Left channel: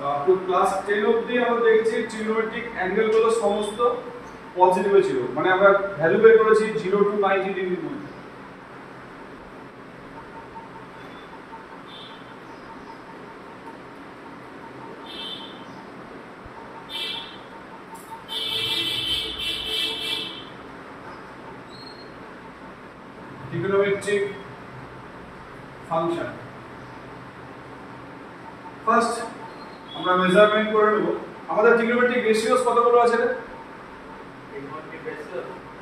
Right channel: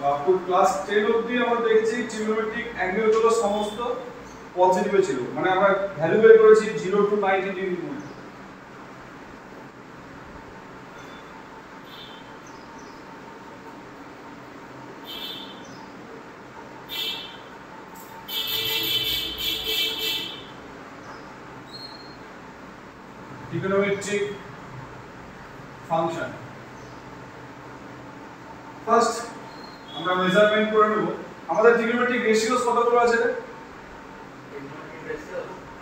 তো ক্লাস 10 অবধি আমরা দেখেছি ট্রিগোনোমেট্রিক অ্যাঙ্গেলগুলো সমস্ত পজিটিভে ছিল, মানে আমরা ভ্যালু বের করেছি 0 to 90 ডিগ্রির মধ্যে। ট্রিগোনোমেট্রিক ফাংশন ফার্স্ট আমরা মেজারমেন্ট করে নেব। আমাদের ট্রিগোনোমেট্রিক রেশিওস কতগুলো আছে রে?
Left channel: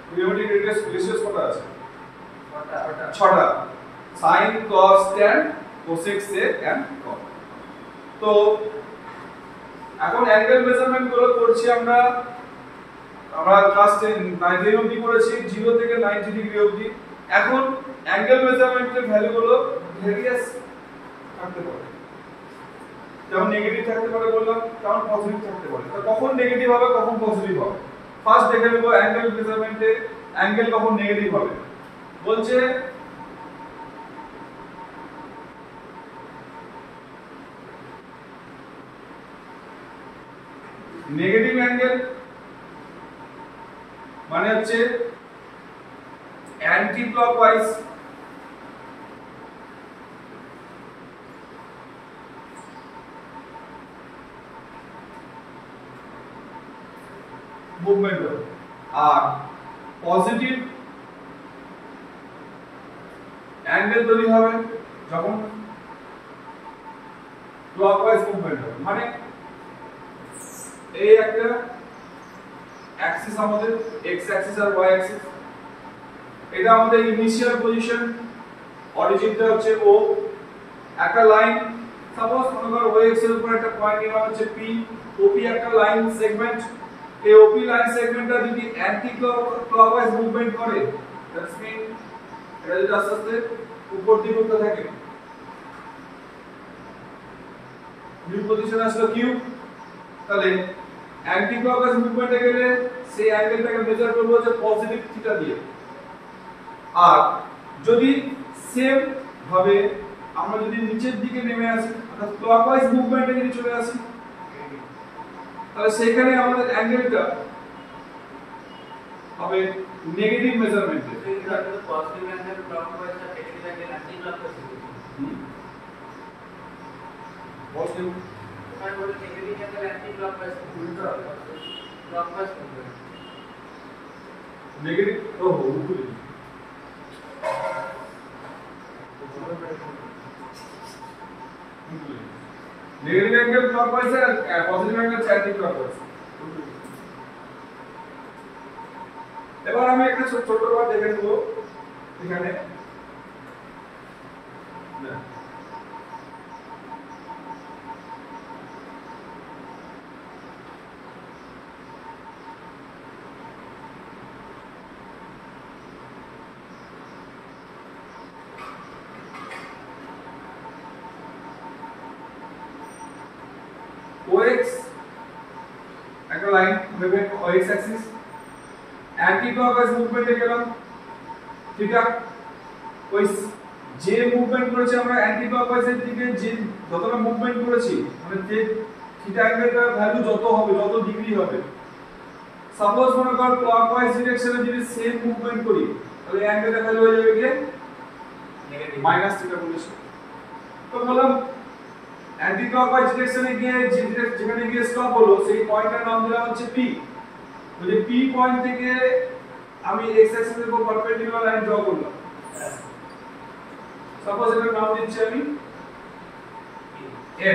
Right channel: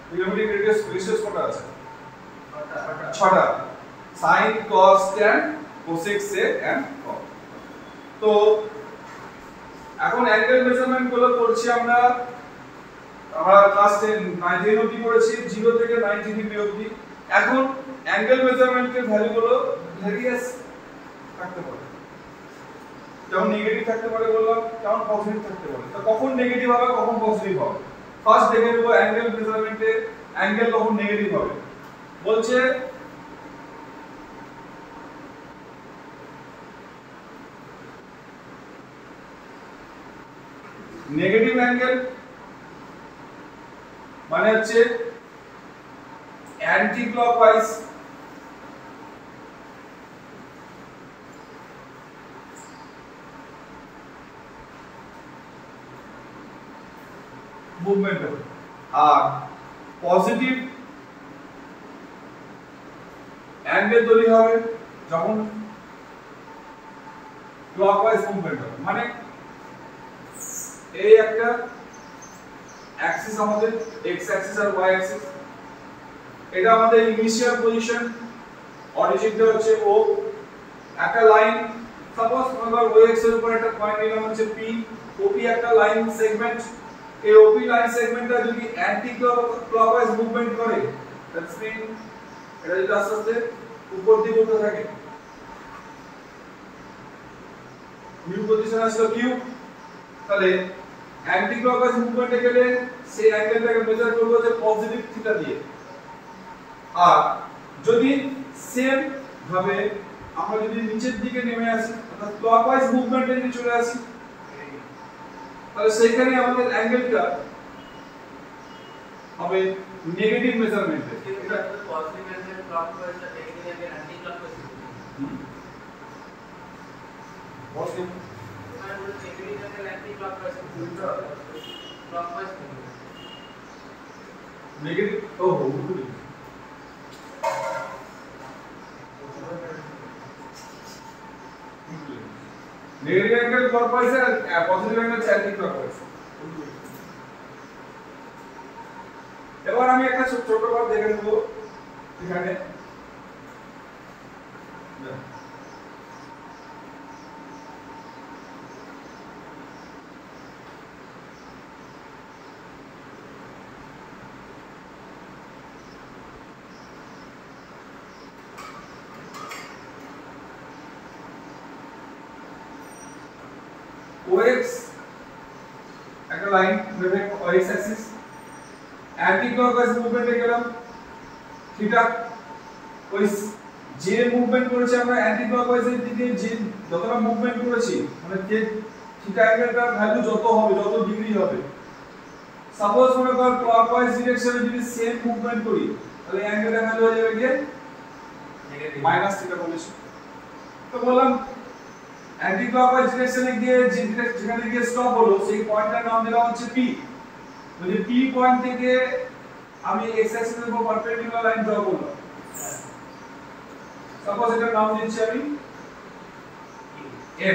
ট্রিগোনোমেট্রিক রেশিওস কত আছে? 6টা। sin cos tan cosec sec and cot। তো এখন অ্যাঙ্গেল মেজারমেন্ট গুলো করছি আমরা ক্লাস 9 অবধি করেছি 0 থেকে 90 ডিগ্রি অবধি। এখন অ্যাঙ্গেল মেজারমেন্টের ভ্যালু গুলো ভেরিয়াস থাকতে পারে, যেমন নেগেটিভ থাকতে পারে বললাম, যেমন পজিটিভ থাকতে পারে। তো কখন নেগেটিভ হবে কখন পজিটিভ হবে ফার্স্ট দেখে নেব। অ্যাঙ্গেল মেজারমেন্টে অ্যাঙ্গেল কখন নেগেটিভ হবে বলছে নেগেটিভ অ্যাঙ্গেল মানে হচ্ছে অ্যান্টি ক্লকওয়াইজ মুভমেন্ট হবে, আর পজিটিভ অ্যাঙ্গেল তৈরি হবে যখন ক্লকওয়াইজ মুভমেন্ট হবে। মানে এই একটা অ্যাক্সিস আমাদের x অ্যাক্সিস আর y অ্যাক্সিস, এটা আমাদের ইনিশিয়াল পজিশন, অরিজিনটা হচ্ছে O, একটা লাইন সাপোজ মনে করো OX এর উপর একটা পয়েন্ট নিলাম হচ্ছে P, OP একটা লাইন সেগমেন্ট। এই OP লাইন সেগমেন্টটা যদি অ্যান্টি ক্লকওয়াইজ মুভমেন্ট করে দ্যাটস মিন এটা যদি আস্তে আস্তে উপর দিকে উঠতে থাকে, নিউ পজিশন আসলো Q, তাহলে অ্যান্টি ক্লকওয়াইজ মুভমেন্টে গেলে সেই অ্যাঙ্গেলটাকে মেজার করব হচ্ছে পজিটিভ থিটা দিয়ে। আর যদি সেম ভাবে আমরা যদি নিচের দিকে নেমে আসি অর্থাৎ ক্লকওয়াইজ মুভমেন্টে যদি চলে আসি তাহলে সেইখানে আমাদের অ্যাঙ্গেলটা হবে নেগেটিভ মেজারমেন্টে। এটা তো পজিটিভ অ্যাঙ্গেল ক্লকওয়াইজ আর negative angle anti clockwise. Positive আমি বলি negative angle anti clockwise clockwise negative উপরে নেগেটিভ অ্যাঙ্গেল ক্লকওয়াইজ আর পজিটিভ অ্যাঙ্গেল অ্যান্টি ক্লকওয়াইজ। এবার আমি একটা ছোট করে দেখে নেব এখানে OX একটা লাইন ভেবে OX অ্যাক্সিস, অ্যান্টি ক্লকওয়াইজ মুভমেন্টে গেলাম থিটা, ওই যে মুভমেন্ট করেছি আমরা অ্যান্টি ক্লকওয়াইজের দিকে যে যতটা মুভমেন্ট করেছি মানে যে থিটা অ্যাঙ্গেলটার ভ্যালু যত হবে যত ডিগ্রি হবে, সাপোজ মনে কর ক্লকওয়াইজ ডিরেকশনে যদি সেম মুভমেন্ট করি তাহলে অ্যাঙ্গেলটার ভ্যালু হয়ে যাবে কি নেগেটিভ মাইনাস থিটা বলেছি। তো বললাম অ্যান্টি ক্লকওয়াইজ ডিরেকশনে গিয়ে যেখানে গিয়ে স্টপ হলো সেই পয়েন্টটার নাম দিলাম হচ্ছে P। যদি P পয়েন্ট থেকে আমি x অ্যাক্সিসের উপর পারপেন্ডিকুলার লাইন ড্র করলাম, সাপোজ এটার নাম দিচ্ছি আমি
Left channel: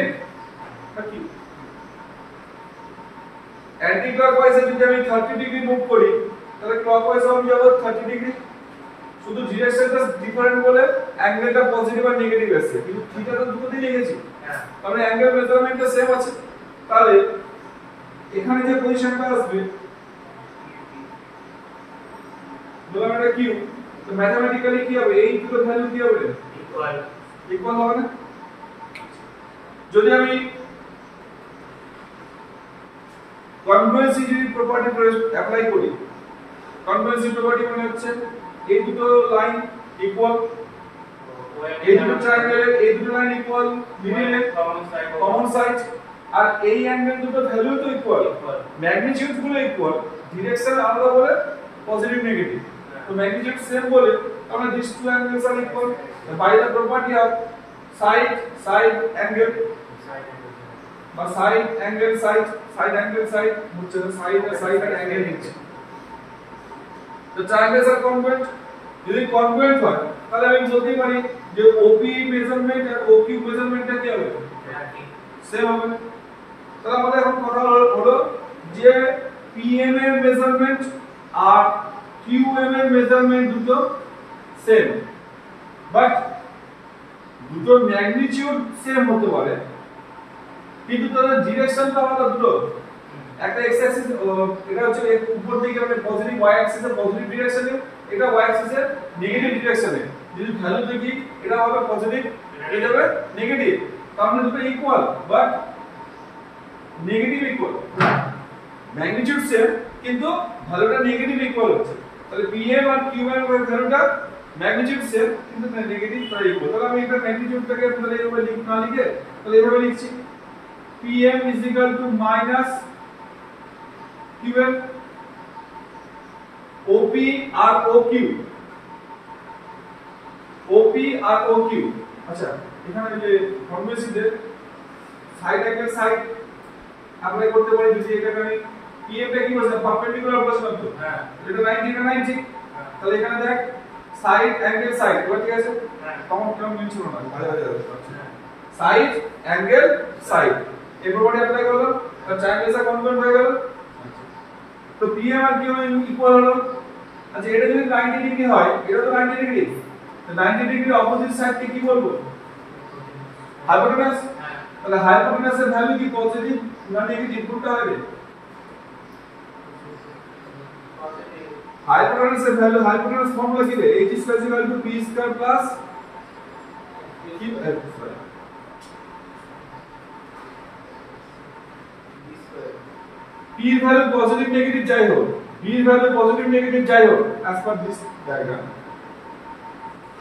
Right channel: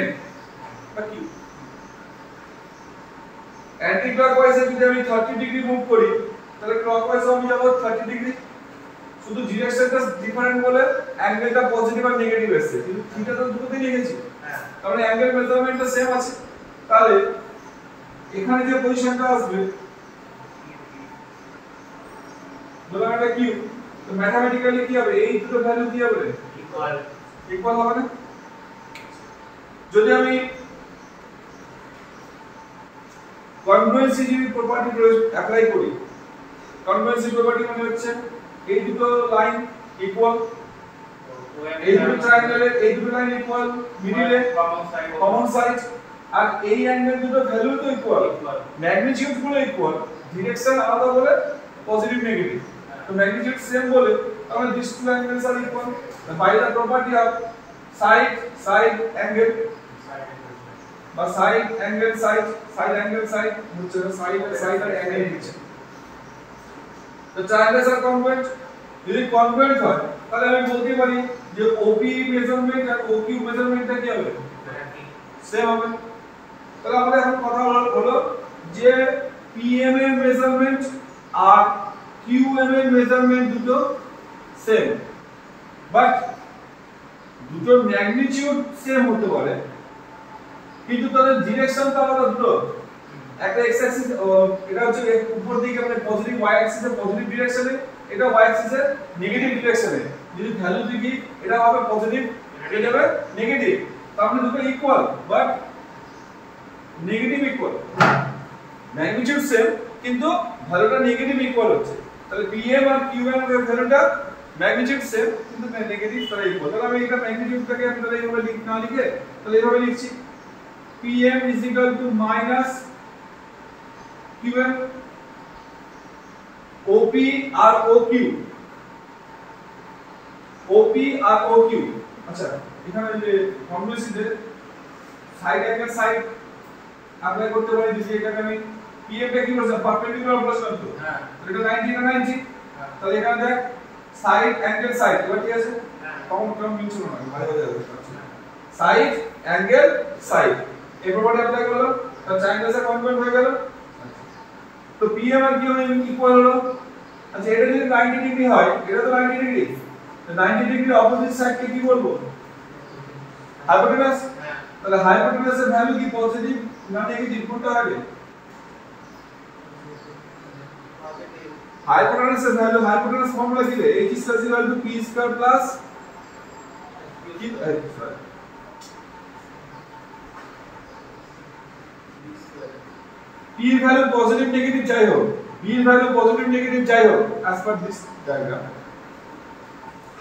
n বা Q। অ্যান্টি ক্লকওয়াইজে যদি আমি 30 ডিগ্রি মুভ করি তাহলে ক্লকওয়াইজে আমি যাব 30 ডিগ্রি, শুধু ডিরেকশনটা ডিফারেন্ট বলে অ্যাঙ্গেলটা পজিটিভ আর নেগেটিভ আসছে, কিন্তু থিটা তো দুটোতেই লিখেছি, তাহলে অ্যাঙ্গেল মেজারমেন্টটা সেম আছে। তাহলে এখানে যে পজিশনটা আসবে বললাম এটা Q, তো ম্যাথমেটিক্যালি কি হবে এই দুটো ভ্যালু কি হবে ইকুয়াল হবে না। যদি আমি কনগ্রুয়েন্সি প্রপার্টি অ্যাপ্লাই করি, কনগ্রুয়েন্সি প্রপার্টি মানে হচ্ছে এই দুটো লাইন ইকুয়াল, এই দুটো ট্রায়াঙ্গেলের এই দুটো লাইন ইকুয়াল, মিডলে কমন সাইড, আর এই অ্যাঙ্গেল দুটো ভ্যালু তো ইকুয়াল, ম্যাগনিটিউড গুলো ইকুয়াল, ডিরেকশন আলাদা বলে পজিটিভ নেগেটিভ, তো ম্যাগনিটিউড সেম বলে তাহলে this two angles are equal by the property of side angle বা সাইড অ্যাঙ্গেল সাইড হচ্ছে না, সাইড আর অ্যাঙ্গেল নিচ্ছে। তো ট্রায়াঙ্গেলস আর কনগ্রুয়েন্ট, যদি কনগ্রুয়েন্ট হয় তাহলে আমি বলতে পারি যে OP মেজারমেন্ট আর OQ মেজারমেন্টটা কি হবে, সেম হবে। তাহলে আমাদের এখন কথা হলো যে PM এর মেজারমেন্ট আর QM এর মেজারমেন্ট দুটো সেম, বাট দুটোর ম্যাগনিটিউড সেম হতে পারে কিন্তু তাদের ডিরেকশনটা আলাদা দুটো। একটা x অ্যাক্সিস, এটা হচ্ছে উপর দিকে মানে পজিটিভ y অ্যাক্সিসে পজিটিভ ডিরেকশনে, এটা y অ্যাক্সিসে নেগেটিভ ডিরেকশনে। যদি ভ্যালু দেখি এটা হবে পজিটিভ, এটা হবে নেগেটিভ, তার মানে দুটো equal but negative equal, magnitude same কিন্তু ভ্যালুটা নেগেটিভ ইকুয়াল হচ্ছে। তাহলে PM আর QM এর ভ্যালুটা ম্যাগনিটিউড সেম কিন্তু নেগেটিভ তারা ইকুয়াল। তাহলে আমি এটা ম্যাগনিটিউডটাকে আমি তাহলে এইভাবে না লিখে তাহলে এইভাবে লিখছি PM is equal to minus QM, OP R OQ। আচ্ছা এখানে যে কনভেন্সিতে সাইড অ্যাঙ্গেল সাইড অ্যাপ্লাই করতে পারি, যদি এখানে আমি PM টা কি বলছিলাম পারপেন্ডিকুলার বলছিলাম তো, হ্যাঁ এটা 90 না 90, তাহলে এখানে দেখ সাইড অ্যাঙ্গেল সাইড, এবার ঠিক আছে কমন মিলছিল না মাঝে মাঝে যাচ্ছে, সাইড অ্যাঙ্গেল সাইড এই প্রপার্টি অ্যাপ্লাই করলাম আর ট্রায়াঙ্গেলস আর কনগ্রুয়েন্ট হয়ে গেল। তো PM আর QM ইকুয়াল হলো। আচ্ছা এটা যদি 90 ডিগ্রি হয়, এটা তো 90 ডিগ্রি, তো 90 ডিগ্রির অপোজিট সাইডকে কি বলবো, হাইপোটেনাস। তাহলে হাইপোটেনাসের ভ্যালু কি পজিটিভ না নেগেটিভ কোনটা হবে, হাইপোটেনাসের ভ্যালু, হাইপোটেনাস ফর্মুলা কি রে, h is equal to p square plus p এর ভ্যালু পজিটিভ নেগেটিভ যাই হোক, p এর ভ্যালু পজিটিভ নেগেটিভ যাই হোক as per this diagram,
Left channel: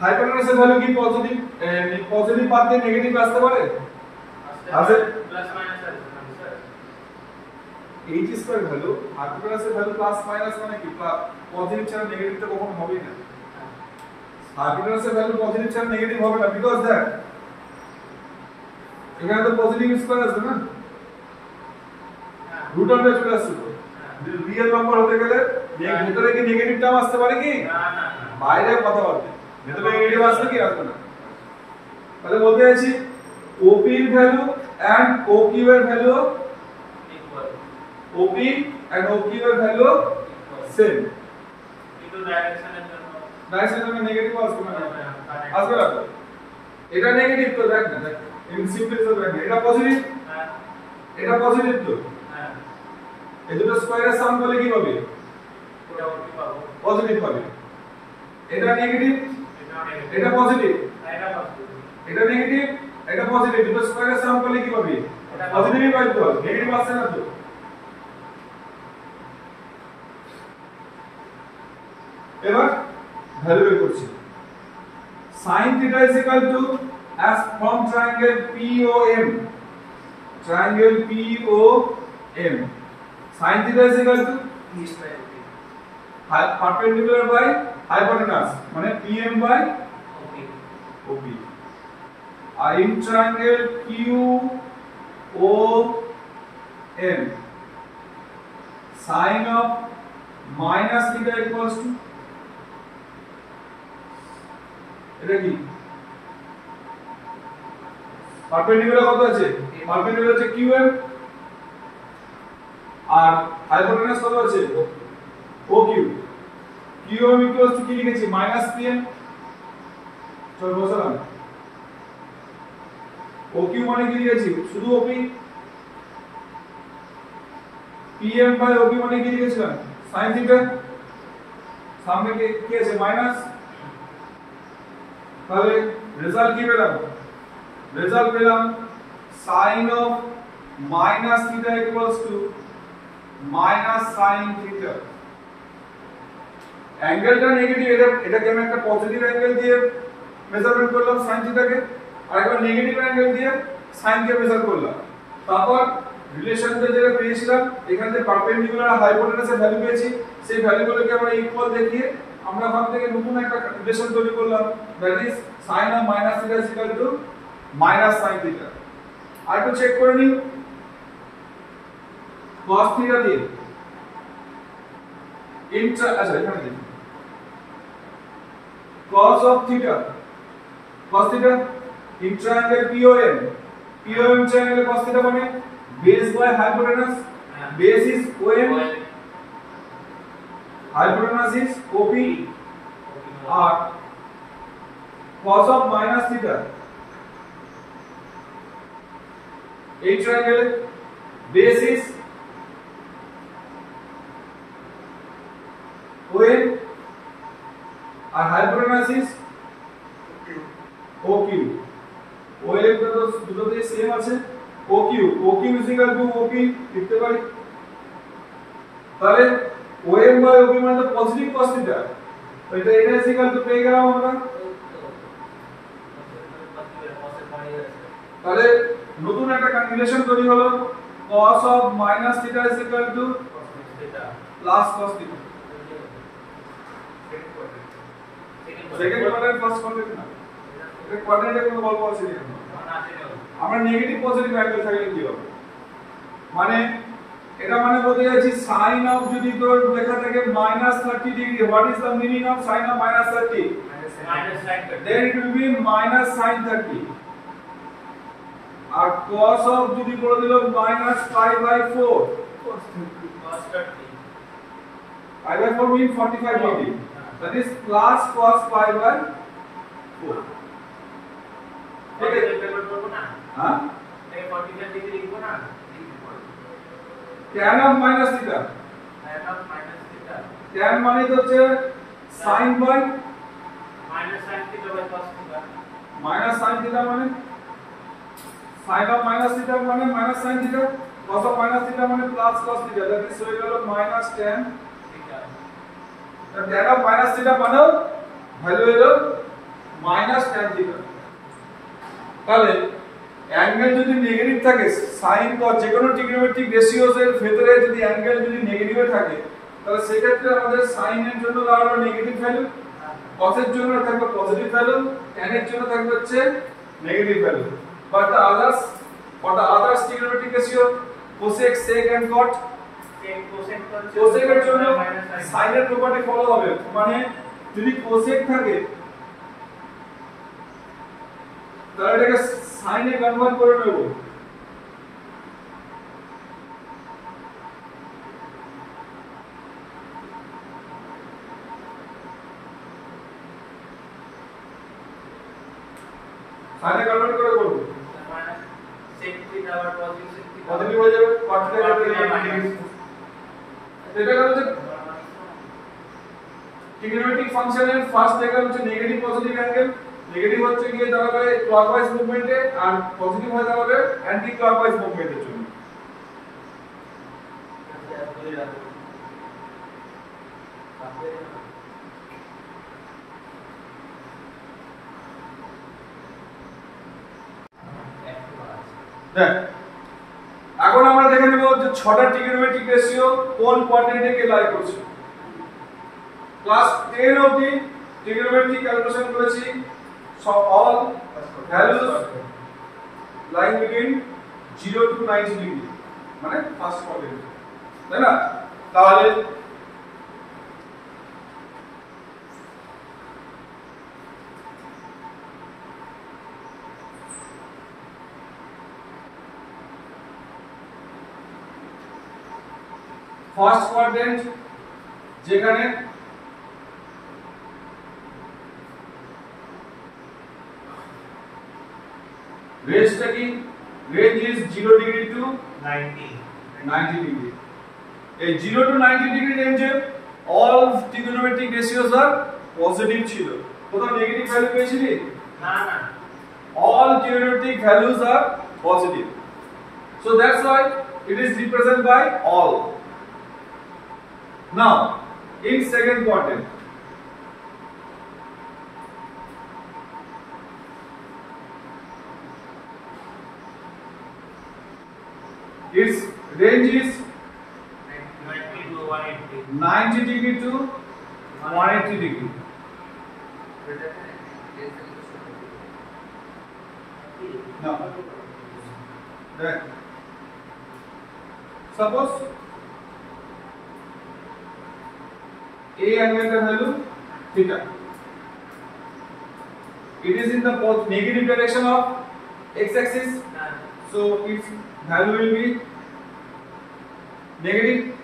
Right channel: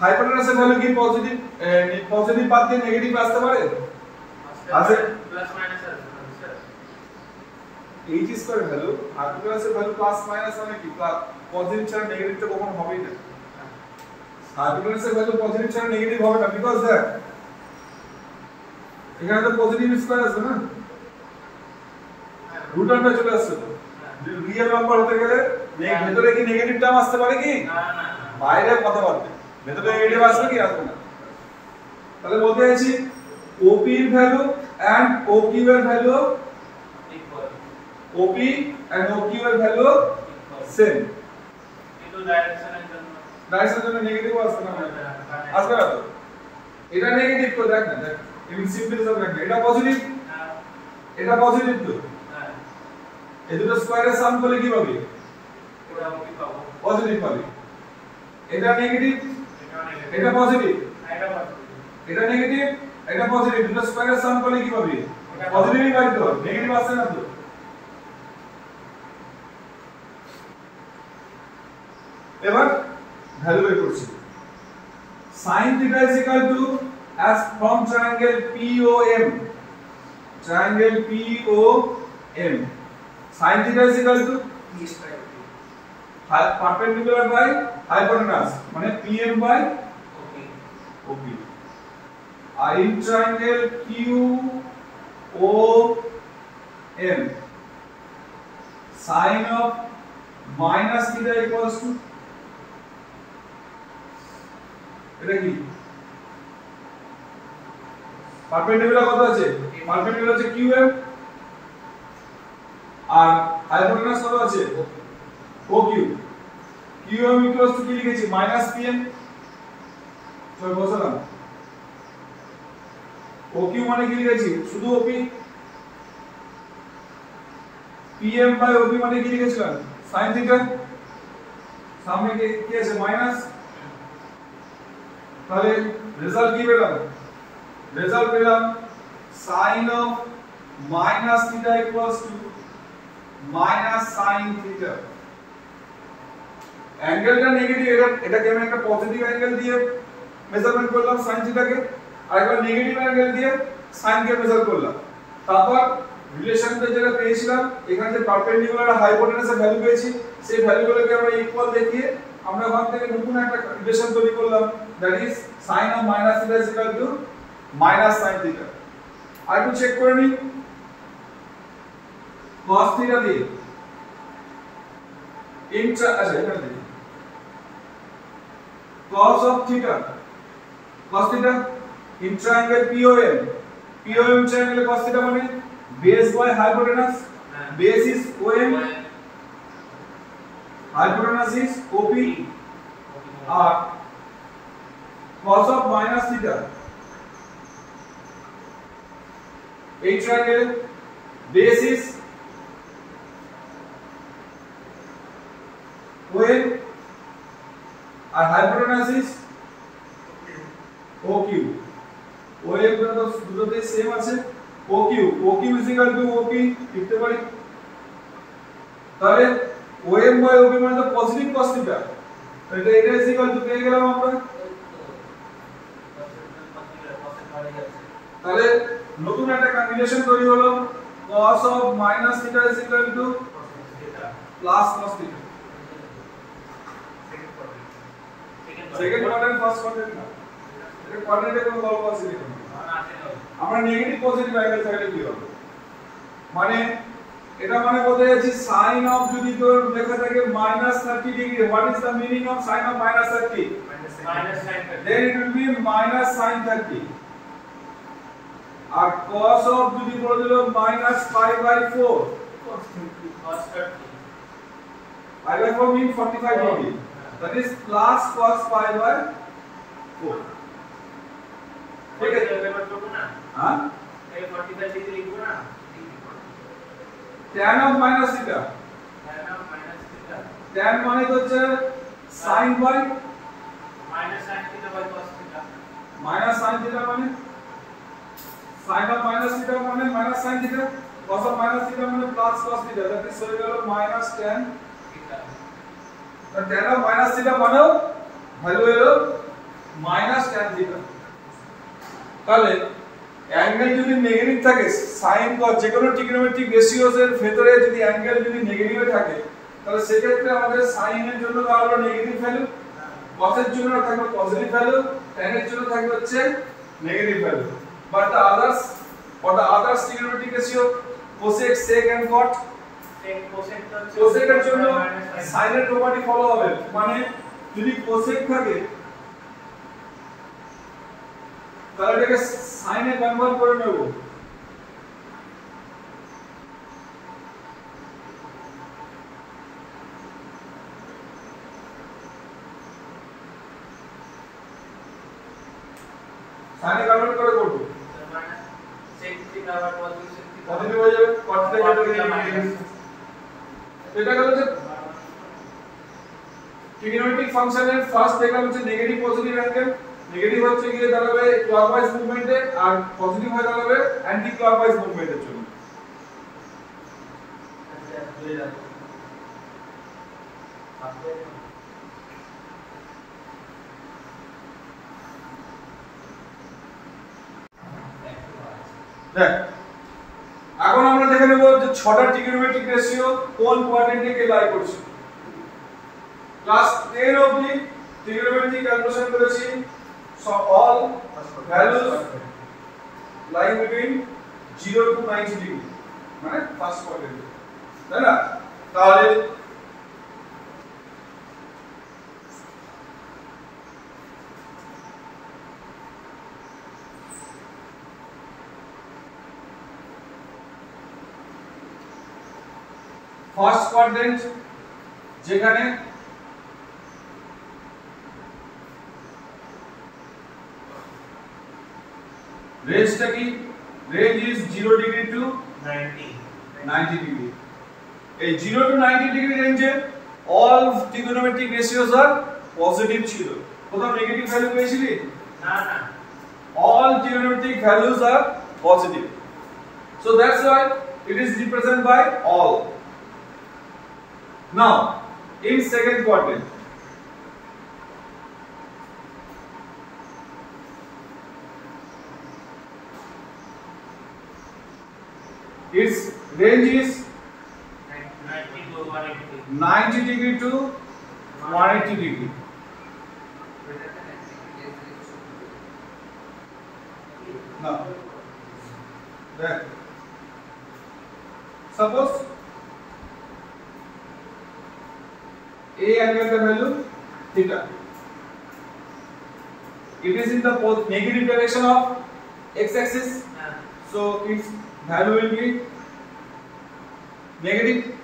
হাইপোটেনাসের ভ্যালু কি পজিটিভ পজিটিভ বাদ দিয়ে নেগেটিভ আসতে পারে, আছে প্লাস মাইনাস আছে স্যার। h স্কয়ার ভ্যালু হাইপোটেনাসের ভ্যালু প্লাস মাইনাস মানে কি পজিটিভ ছাড়া নেগেটিভ তো কখনো হবেই না, হাইপোটেনাসের ভ্যালু পজিটিভ ছাড়া নেগেটিভ হবে না, বিকজ দ্যাট এখানে তো পজিটিভ স্কয়ার আছে না, রুট আন্ডার চলে আসছে, তো রিয়েল নাম্বার হতে গেলে ভেতরে কি নেগেটিভ টার্ম আসতে পারে কি, না না বাইরে কথা বলতে ভেতরে নেগেটিভ আসবে কি আসবে না। তাহলে বলতে চাইছি OP এর ভ্যালু এন্ড OQ এর value equal, OP and OQ এর ভ্যালু সেম, কিন্তু ডাইরেকশনের জন্য নেগেটিভ আসবে না, আসবে না। তো এটা নেগেটিভ তো দেখ না, দেখ এমনি সিম্পল হিসাবে দেখ না, এটা পজিটিভ, হ্যাঁ এটা পজিটিভ, তো হ্যাঁ এই দুটো স্কয়ারের সাম করলে কি পাবে, এটা কি পাবো, পজিটিভ পাবে। এটা নেগেটিভ, এটা নেগেটিভ, এটা পজিটিভ, এটা পজিটিভ, এটা নেগেটিভ, এটা পজিটিভ, দুটো স্কয়ারের সাম করলে কি পাবে, পজিটিভই পাবে, তো নেগেটিভ আসছে না। তো এবার ভ্যালু বের করছি, sin theta is equal to as from triangle POM, triangle POM sin theta is equal to perpendicular by hypotenuse মানে PM by OP, R in triangle QOM sin of minus theta equals to, এটা কি perpendicular কত আছে, perpendicular আছে QM আর hypotenuse কত আছে OQ, QM equals to কি লিখেছি মাইনাস PM, চল বসালাম, OQ মানে কি লিখেছি শুধু OP, PM বাই OP মানে কি লিখেছিলাম sin থিটা, সামনে কি আছে মাইনাস, তাহলে রেজাল্ট কি পেলাম, রেজাল্ট পেলাম sin of minus theta equals to minus sin theta, অ্যাঙ্গেলটা নেগেটিভ, এটাকে আমি একটা পজিটিভ অ্যাঙ্গেল দিয়ে মেজারমেন্ট করলাম sin থিটাকে, আর একটা নেগেটিভ অ্যাঙ্গেল দিয়ে sin কে মেজার করলাম, তারপর রিলেশনটা যেটা পেয়েছিলাম এখানে যে পারপেন্ডিকুলার আর হাইপোটেনাসের ভ্যালু পেয়েছি সেই ভ্যালুগুলোকে আমরা ইকুয়াল দেখিয়ে আমরা ওখান থেকে নতুন একটা রিলেশন তৈরি করলাম, that is sin of minus theta is equal to minus sin theta। আর একটু চেক করে নিই cos theta দিয়ে আচ্ছা এখানে দেখি cos of theta in triangle POM triangle cos theta মানে base by hypotenuse, base is OM, hypotenuse is OP, R cos of minus theta এই triangle base is OM R hypotenuse is OQ। OM তো দুটোতেই same আছে, OQ is equal to OP লিখতে পারি। তাহলে OM by OP মানে তো positive cos theta, এটা is equal to পেয়ে গেলাম আমরা। তাহলে নতুন একটা কনভিলেশন তৈরি হলো cos of minus theta is equal to plus cos theta। Second quadrant first quadrant না, এটা কোয়াড্রেন্টে কোনো গল্প আছে না, আমরা নেগেটিভ পজিটিভ অ্যাঙ্গেল থাকলে কি হবে, মানে এটা মানে বলতে যাচ্ছি sin of যদি তোর লেখা থাকে -30 degree, what is the meaning of sin of -30? then it will be -sin 30। আর cos of যদি বলে দিল -π/4, π/4 mean 45 degree, that is plus cos π/4। ঠিক আছে হ্যাঁ এই 45 ডিগ্রি লিখবো না, tan of minus theta, tan মানে তো হচ্ছে sin by sin theta by cos theta, minus sin theta মানে sin of minus theta মানে minus sin theta, cos of minus theta মানে plus cos theta, that is হয়ে গেল minus tan theta। tan of minus theta মানেও value হলো minus tan theta। তাহলে angle যদি negative থাকে, sin cos যে কোনো ট্রিগোনোমেট্রিক রেশিওস এর ভেতরে যদি অ্যাঙ্গেল যদি নেগেটিভে থাকে তাহলে সেক্ষেত্রে আমাদের sin এর জন্য দাঁড়ালো নেগেটিভ ভ্যালু, cos এর জন্য থাকবে পজিটিভ ভ্যালু, tan এর জন্য থাকবে হচ্ছে negative value. But the others trigonometric ratio cosec sec and cot, cosec এর জন্য sin এর প্রপার্টি ফলো হবে, মানে যদি cosec থাকে তাহলে এটাকে sin এ কনভার্ট করে নেব। sin এ কনভার্ট করে করব sec theta আবার পজিটিভ পজিটিভ হয়ে যাবে, cot theta নেগেটিভ। এটা হচ্ছে ট্রিগোনোমেট্রিক ফাংশনের ফার্স্ট দেখলাম হচ্ছে নেগেটিভ পজিটিভ অ্যাঙ্গেল, নেগেটিভ হচ্ছে গিয়ে দাঁড়াবে ক্লকওয়াইজ মুভমেন্টে আর পজিটিভ হয়ে দাঁড়াবে অ্যান্টি ক্লকওয়াইজ মুভমেন্টের জন্য। দেখ এখন আমরা দেখে নেব যে 6টা ট্রিগোনোমেট্রিক রেশিও কোন কোয়াড্রেন্টে কে লাই করছে। ক্লাস 10 অবধি ট্রিগোনোমেট্রি ক্যালকুলেশন করেছি, সব all values lying between 0 to 90 ডিগ্রি, মানে ফার্স্ট কোয়াড্রেন্ট, তাই না? তাহলে ফার্স্ট কোয়াড্রেন্ট যেখানে রেঞ্জটা কি, range is 0 degree to 90 degree. এই 0 টু 90 ডিগ্রি রেঞ্জে all trigonometric ratios are positive ছিল, কোথাও নেগেটিভ ভ্যালু পেয়েছিলি না না, all trigonometric values are positive, so that's why it is represented by all. Now in second quadrant, its range is 90 to 180. 90 degree to 180 degree. Now, then suppose A angle the value theta. It is in the negative direction of x-axis, so its value will be negative,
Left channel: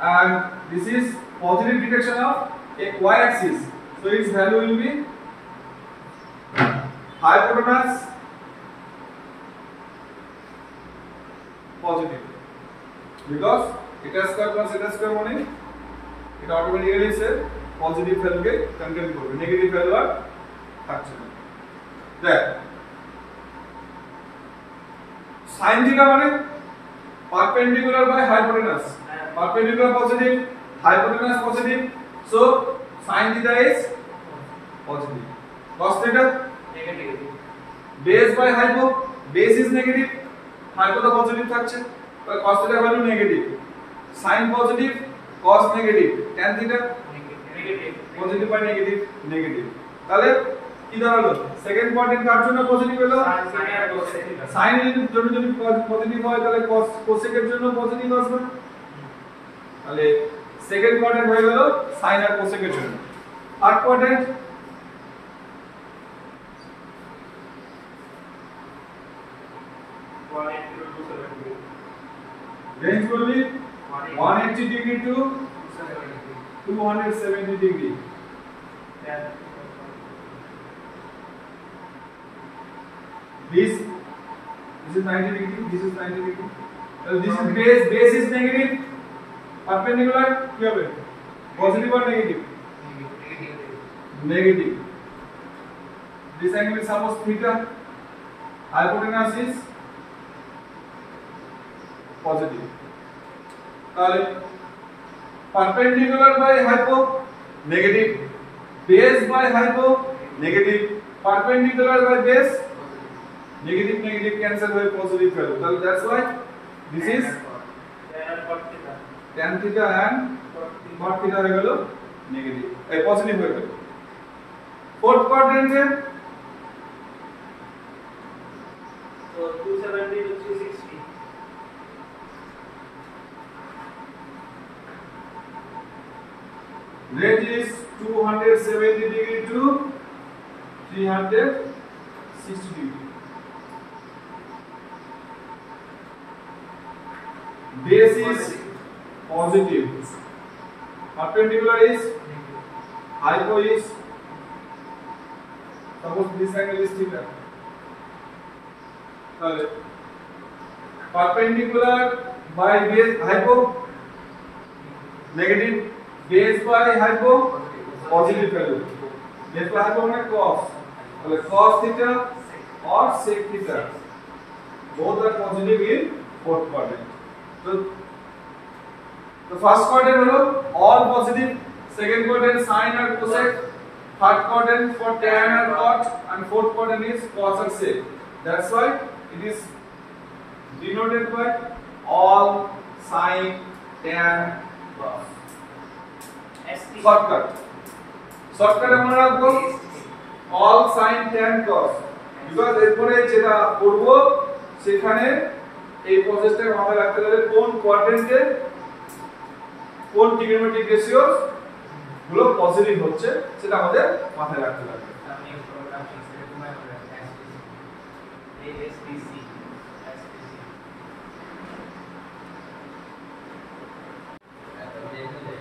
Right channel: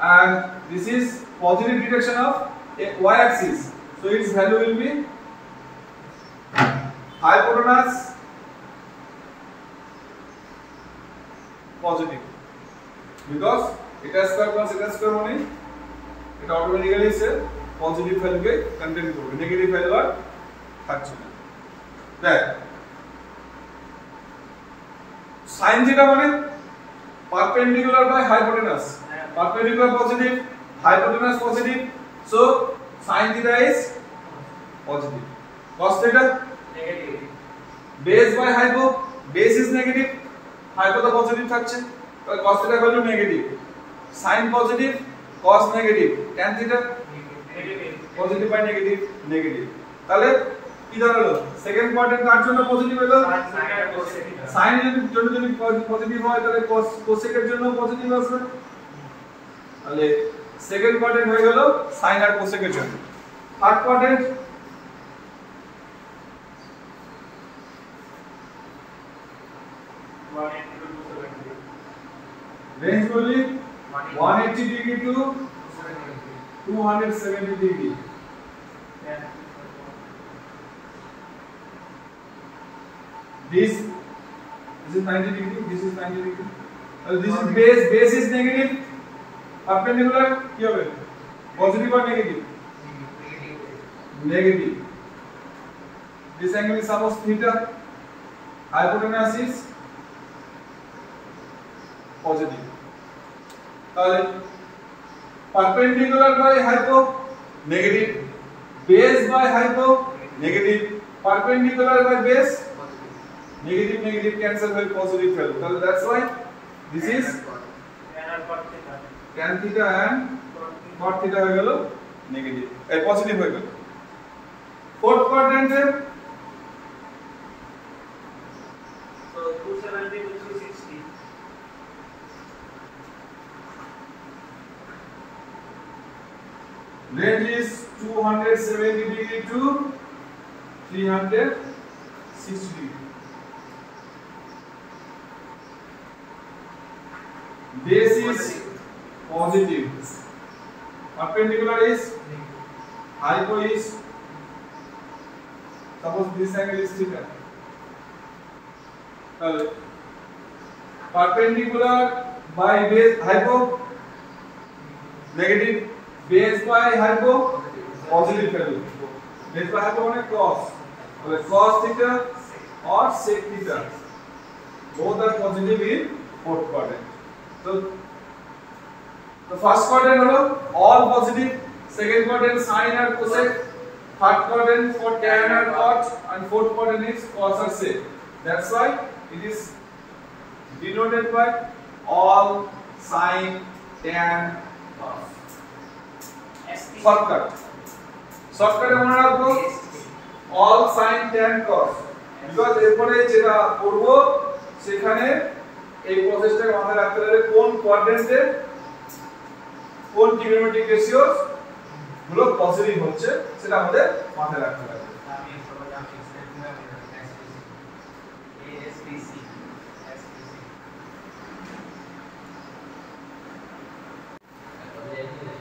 and this is positive direction of y-axis, so its value will be hypotenuse positive, because eta square plus eta square মানে এটা automatically সে positive ভ্যালুকে contain করবে, negative value আর থাকছে না। দেখ sin theta মানে perpendicular by hypotenuse, perpendicular positive, hypotenuse positive, so sin theta is positive. cos theta negative, base by hypo, base is negative, hypo তো পজিটিভ থাকছে, তাহলে cos theta value negative, sin positive, cos negative, tan theta negative, positive by negative, negative. তাহলে কি দাঁড়ালো? Second quadrant কার জন্য positive হলো? sin এর জন্য যদি পজিটিভ হয় তাহলে cosec এর জন্য পজিটিভ আসবে, তাহলে সেকেন্ড কোয়াড্রেন্ট হয়ে গেল sin আর cosec এর জন্য। থার্ড কোয়াড্রেন্ট range বলি 180 degree to 270 degree. This is 90 degree, this is 90 degree. This is base is negative, perpendicular কি হবে? Positive or negative? Negative. This angle is suppose theta, hypotenuse is positive. তাহলে perpendicular by hypo negative, base by hypo negative, perpendicular by base negative, negative cancel by positive value. So that's why this is tan theta and cot theta হয়ে গেল negative, এই positive হয়ে গেল। Fourth কোয়াড্রেন্টে so 270 to 360, range is 270 degree to 360 degree. Base is positive, perpendicular is hypo is suppose this angle is theta, perpendicular by base hypo negative, base by hypo positive value, base by hypo মানে cos, তাহলে cos theta or sec theta both are positive in fourth quadrant. So the first quadrant হলো all positive, second quadrant sin or cosec, third quadrant for tan or cot, and fourth quadrant is cos or sec. That's why it is denoted by all sin, tan, cos. Shortcut মনে রাখবো all sin, tan, cos, because এরপরে যেটা করব সেখানে এই প্রসেসটা মাথায় রাখতে হবে কোন কোয়াড্রেন্টে কোন ট্রিগোনোমেট্রিক রেশিওস গুলো পজিটিভ হচ্ছে সেটা আমাদের মাথায় রাখতে হবে।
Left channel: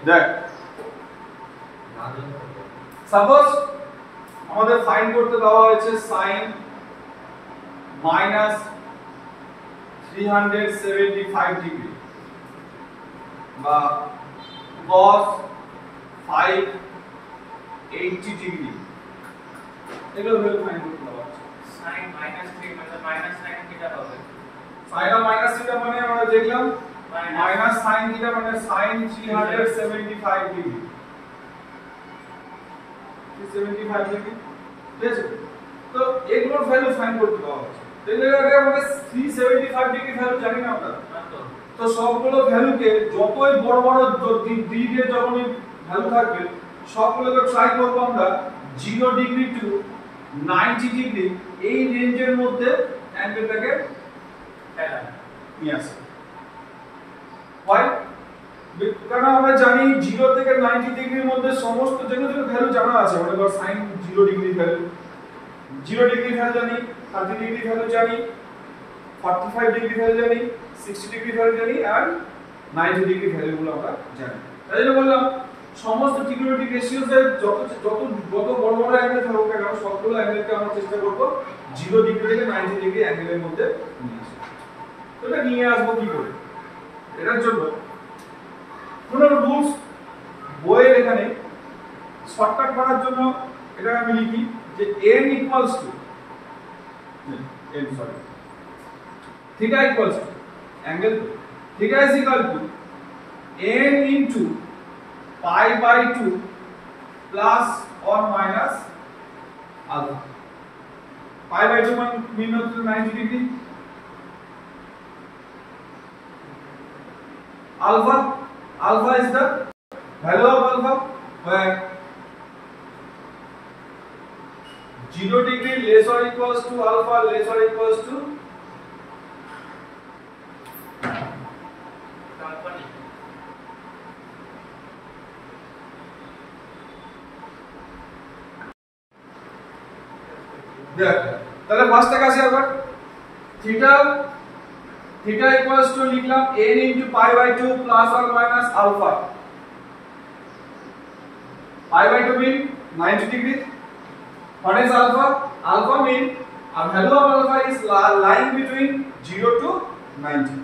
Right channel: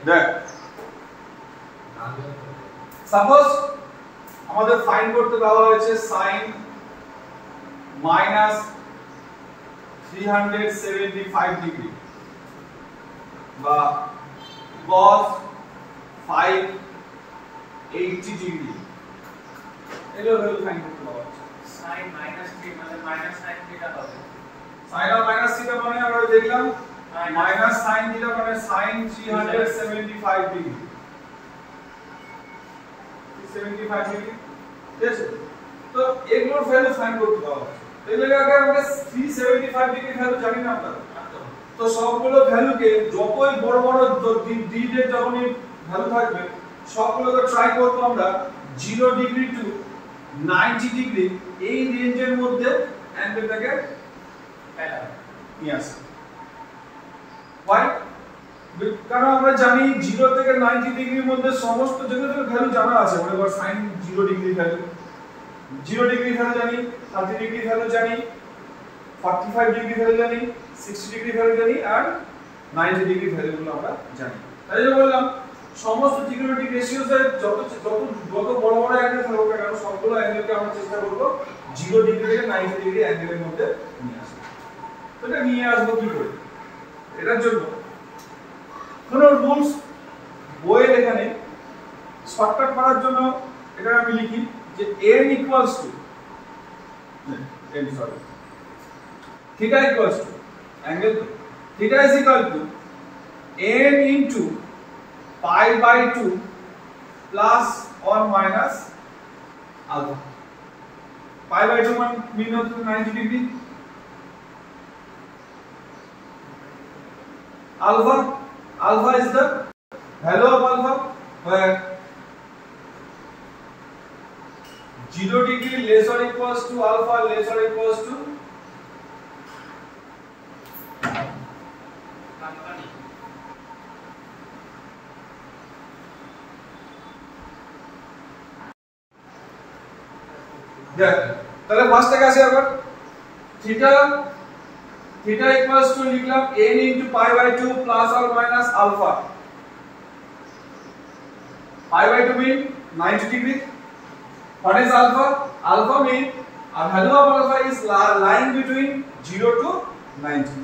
দেখ সাপোজ আমাদের ফাইন্ড করতে দেওয়া হয়েছে sin minus 375 ডিগ্রি বা cos 580 ডিগ্রি, এগুলো ভ্যালু ফাইন্ড করতে দেওয়া হচ্ছে। sin -3 মানে -sin থিটা হবে, sin আর মাইনাস থিটা মানে আমরা দেখলাম মাইনাস sin থিটা মানে sin 375 ডিগ্রি, 375 ডিগ্রি, ঠিক আছে? তো এগুলোর ভ্যালু ফাইন্ড করতে দেওয়া হচ্ছে। এগুলোকে আমরা 375 ডিগ্রি ভ্যালু জানি না আমরা। তো সবগুলো ভ্যালুকে যতই বড় বড় ডিগ্রির যখনই ভ্যালু থাকবে সবগুলোকে ট্রাই করব আমরা 0 ডিগ্রি টু 90 ডিগ্রি এই রেঞ্জের মধ্যে অ্যাঙ্গেলটাকে নিয়ে আসা। Why? কারণ আমরা জানি 0 থেকে 90 ডিগ্রির মধ্যে সমস্ত যেগুলো ভ্যালু জানা আছে, মানে ধর sin 0 degree value, 0 degree value জানি, 30 ডিগ্রি ভ্যালু জানি, 45 ডিগ্রি ভ্যালু জানি, 60 ডিগ্রি ভ্যালু জানি আর 90 ডিগ্রি ভ্যালুগুলো আমরা জানি। তাই জন্য বললাম সমস্ত ট্রিগোনোমেট্রিক রেশিওস এর যত বড় বড় অ্যাঙ্গেল থাকুক না কেন সবগুলো অ্যাঙ্গেলকে আমরা চেষ্টা করব 0 ডিগ্রি থেকে 90 ডিগ্রি অ্যাঙ্গেলের মধ্যে নিয়ে আসা। তো এটা নিয়ে আসবো কি করে? এটার জন্য কোনো রুলস বইয়ের এখানে শর্টকাট করার জন্য এটা আমি লিখি যে n equals to theta equals to angle theta is equal to n into pi by 2 plus or minus alpha. Pi by 2 mean to 90 degree. Alpha is the value of alpha where 0 degree less or equals to alpha less or equals to company. তাহলে ফার্স্টে আসে আবার theta equals to লিখলাম n into pi by 2 plus or minus alpha. Pi by 2 mean 90 degree. What is alpha? Alpha mean a value of alpha is lying between 0 to 90.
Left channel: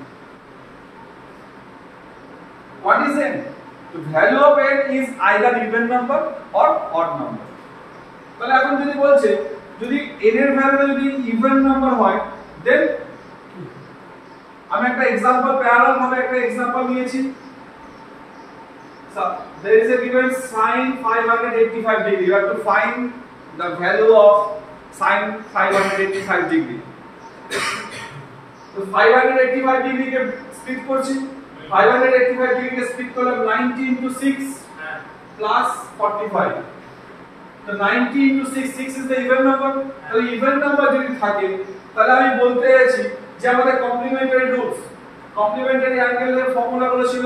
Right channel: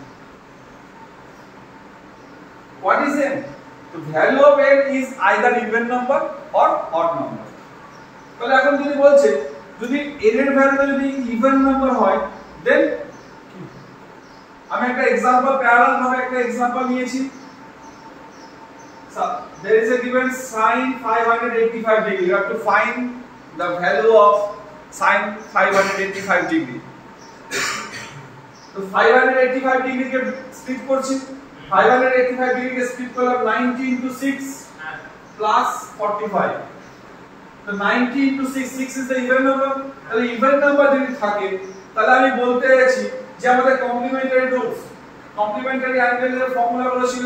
What is n? The value of n is either even number or odd number. তাহলে এখন যদি বলছে যদি n এর ভ্যালুটা যদি even number হয় দেন আমি একটা एग्जांपल প্যারালাল ভাবে একটা एग्जांपल নিয়েছি। So there is a given sin 585 degree. You have to find the value of sin 585 degree. তো 585 ডিগ্রি কে স্প্লিট করছি, 585 ডিগ্রি কে স্প্লিট করলাম 90 into 6 plus 45. তো 90 into 6 6 is the even number. তাহলে even number যদি থাকে তাহলে আমি বলতে যাচ্ছি যে আমাদের কমপ্লিমেন্টারি রুলস, কমপ্লিমেন্টারি অ্যাঙ্গেলের ফর্মুলাগুলো ছিল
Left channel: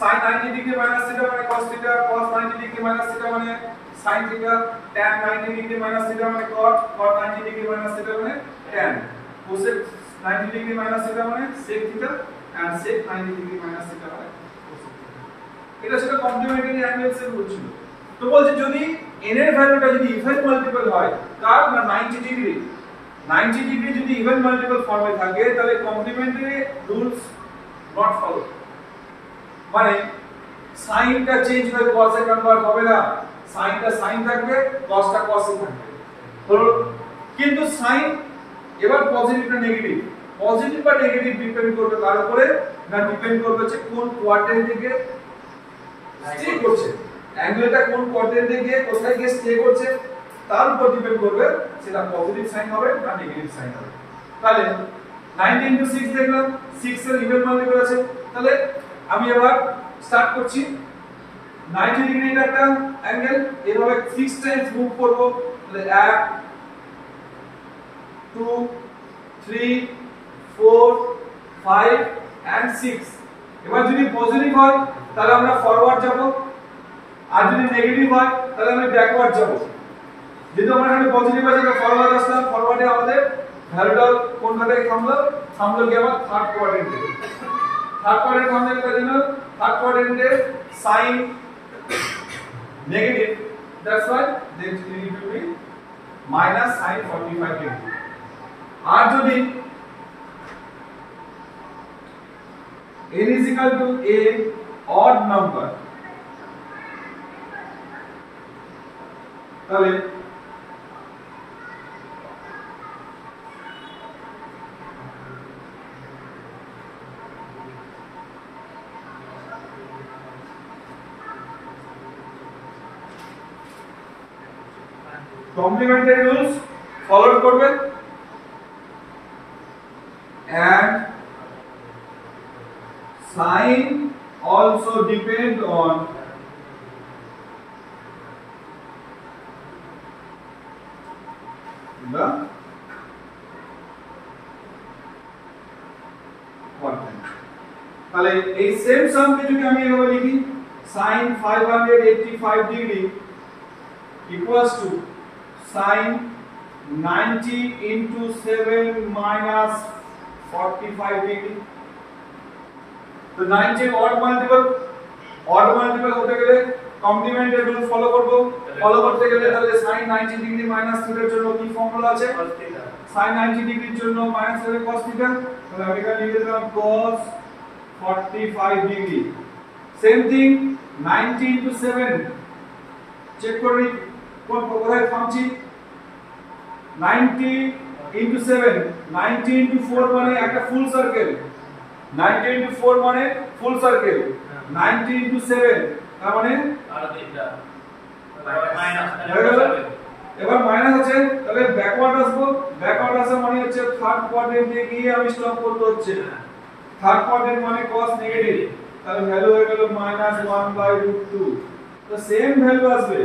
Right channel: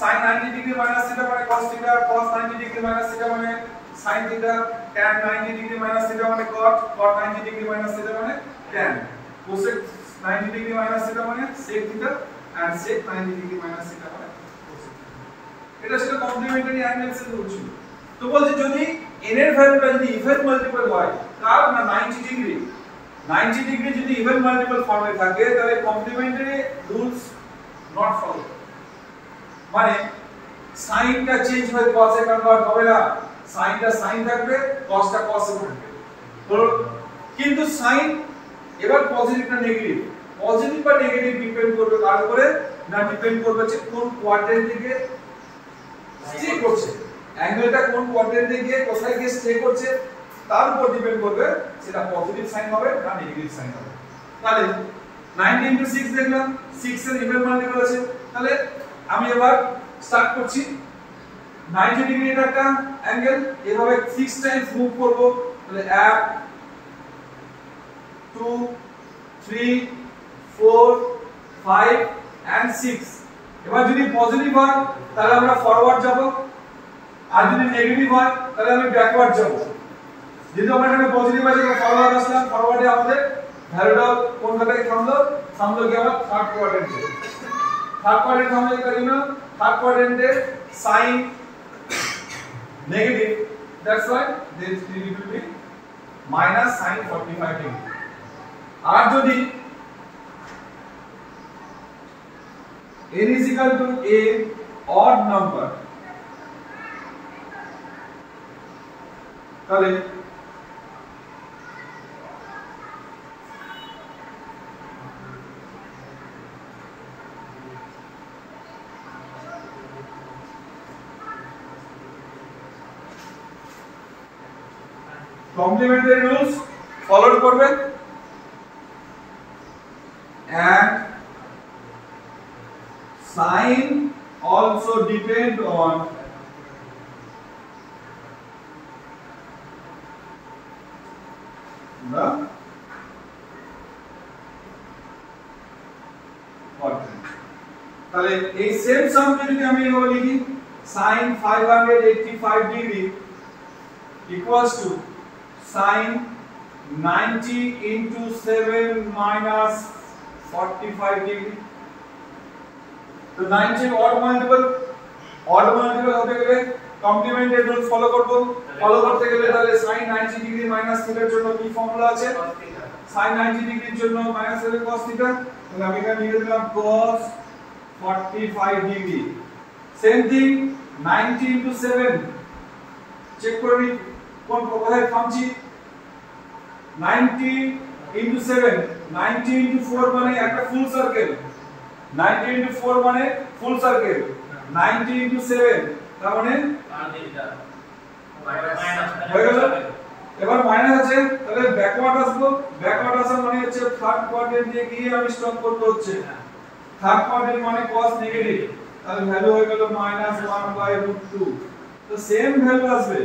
sin 90 ডিগ্রি মাইনাস থিটা মানে cos theta, cos 90 degree minus theta মানে sin theta, tan 90 degree minus theta মানে cot, cot 90 degree minus theta মানে tan, cosec 90 degree minus theta মানে sec theta and sec 90 degree minus theta মানে cosec। এটা ছিল complimentary angles এর rule ছিল। তো বলছে যদি n এর ভ্যালুটা যদি ইভেন মাল্টিপল হয় কার না 90 ডিগ্রি, 90 ডিগ্রি যদি ইভেন মাল্টিপল ফর্মে থাকে তাহলে কমপ্লিমেন্টারি রুলস নট ফলো, মানে সাইনটা চেঞ্জ হয়ে cos এ কনভার্ট হবে না, সাইনটা সাইন থাকবে cosটা cos এ থাকবে। কিন্তু সাইন এবার পজিটিভ না নেগেটিভ, পজিটিভ বা নেগেটিভ ডিপেন্ড করবে কার উপরে না ডিপেন্ড করবে যে কোন কোয়াড্রেন্ট দিকে স্টে করছে, অ্যাঙ্গেলটা কোন কোয়াড্রেন্টে গিয়ে কোথায় গিয়ে স্টে করছে তার উপর ডিপেন্ড করবে সেটা পজিটিভ সাইন হবে না নেগেটিভ সাইন হবে। তাহলে 90 into 6 দেখলাম 6 এর ইভেন মাল্টিপল আছে, তাহলে আমি এবার স্টার্ট করছি 90 ডিগ্রি এটা একটা অ্যাঙ্গেল, এভাবে 6 টাইমস মুভ করব, তাহলে 1 2 3 4 5 and 6। এবার যদি পজিটিভ হয় তাহলে আমরা ফরওয়ার্ড যাব, আর যদি নেগেটিভ হয় তাহলে আমি ব্যাকওয়ার্ড যাব। যেহেতু আমরা এখানে পজিটিভ আছে তাহলে ফরওয়ার্ড আসলাম, ফরওয়ার্ডে আমাদের ভ্যালুটা কোন জায়গায় থামলো কি আমার থার্ড কোয়াড্রেন্টে, থার্ড কোয়াড্রেন্ট থামলে তার জন্য থার্ড কোয়াড্রেন্টে sine negative, that's why then it will be minus sin 45 degree. আর যদি n is equal to a odd number তাহলে কমপ্লিমেন্টারি রুলস ফলো করবে। Sin also depend on the quadrant. তাহলে এই সেম সামকে যদি আমি এভাবে লিখি sin 585 degree equals to sin 90 into 7 minus 45 degree. তো 90 odd multiple হতে গেলে কমপ্লিমেন্টের রুল ফলো করতে গেলে তাহলে sin 90 ডিগ্রি মাইনাস থিটার জন্য কি ফর্মুলা আছে sin 90 ডিগ্রির জন্য মাইনাস হবে cos থিটা তাহলে আমি এখানে লিখে দিলাম cos 45 degree same thing 90 into 7 check করি কোন কোথায় থামছি 90 into 7 90 into 4 মানে একটা ফুল সার্কেল 90 into 4 মানে ফুল সার্কেল 90 into 7 তার মানে আর দিকটা মাইনাস হয়ে গেল এবার মাইনাস আছে তাহলে ব্যাকওয়ার্ড আসা মানে হচ্ছে থার্ড কোয়াড্রেন্টে গিয়ে আমি স্টপ করতে হচ্ছে থার্ড কোয়াড্রেন্ট মানে cos নেগেটিভ তাহলে ভ্যালু হয়ে গেল -1/√2 তো সেম ভ্যালু আসবে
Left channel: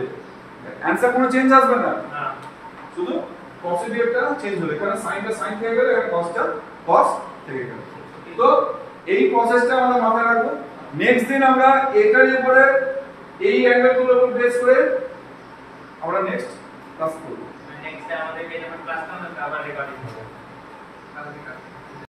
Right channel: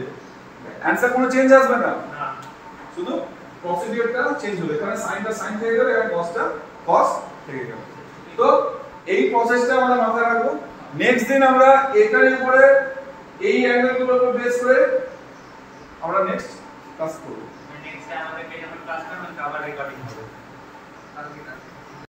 आंसर কোনো চেঞ্জ আসবে না শুধু পজিটিভটা চেঞ্জ হলো এখানে সাইনটা সাইন থেকে গেল এখানে cosটা cos থেকে গেল তো এই প্রসেসটা আমরা মাথায় রাখবো নেক্সট দিন আমরা এটার উপরে এই অ্যাঙ্গেলগুলোর উপর বেস করে আমরা নেক্সট ক্লাস করব নেক্সট আমাদের যখন ক্লাস করব আবার রেকর্ডিং হবে